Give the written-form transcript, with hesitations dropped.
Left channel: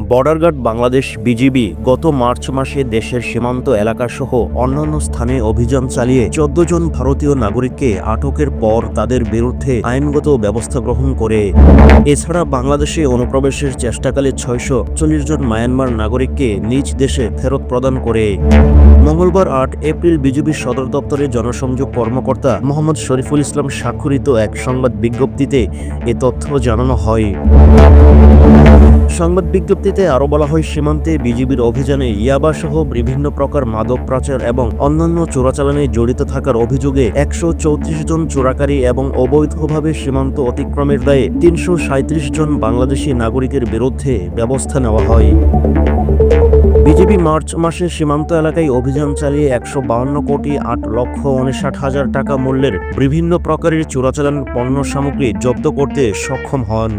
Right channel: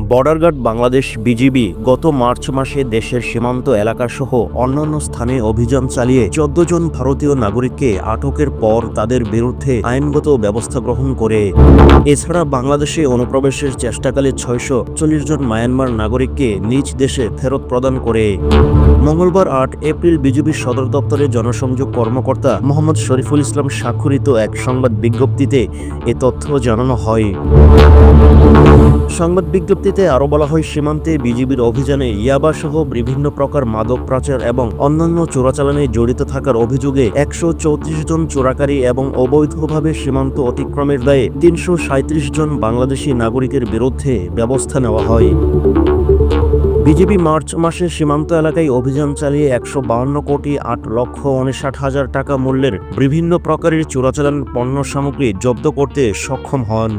Border guard Bangladesh BGB গত March মাসে দেশের সীমান্ত এলাকাসহ অন্যান্য স্থানে অভিযান চালিয়ে ১৪ জন ভারতীয় নাগরিককে আটকের পর তাদের বিরুদ্ধে আইনগত ব্যবস্থা গ্রহণ করে। এছাড়া বাংলাদেশে অনুপ্রবেশের চেষ্টাকালে ৬৪০ জন মায়ানমার নাগরিককে নিজ দেশে ফেরত প্রদান করে। মঙ্গলবার ৮ এপ্রিল বিজিবির সদর দপ্তরে জনসংযোগ কর্মকর্তা মোহাম্মদ শরীফুল ইসলাম স্বাক্ষরিত এক সংবাদ বিজ্ঞপ্তিতে এ তথ্য জানানো হয়। সংবাদ বিজ্ঞপ্তিতে আরও বলা হয়, সীমান্তে বিজিবির অভিযানে ইয়াবাসহ বিভিন্ন প্রকার মাদক পাচার এবং অন্যান্য চোরাচালানে জড়িত থাকার অভিযোগে ১৩৪ জন চোরাকারী এবং অবৈধভাবে সীমান্ত অতিক্রমের দায়ে ৩৩৭ জন বাংলাদেশি নাগরিকের বিরুদ্ধে ব্যবস্থা নেওয়া হয়। বিজিবি মার্চ মাসে সীমান্ত এলাকায় অভিযান চালিয়ে ১৫২,৮,৫৯,০০০ টাকা মূল্যের বিভিন্ন প্রকারের চোরাচালান পণ্য সামগ্রী জব্দ করতে সক্ষম হন।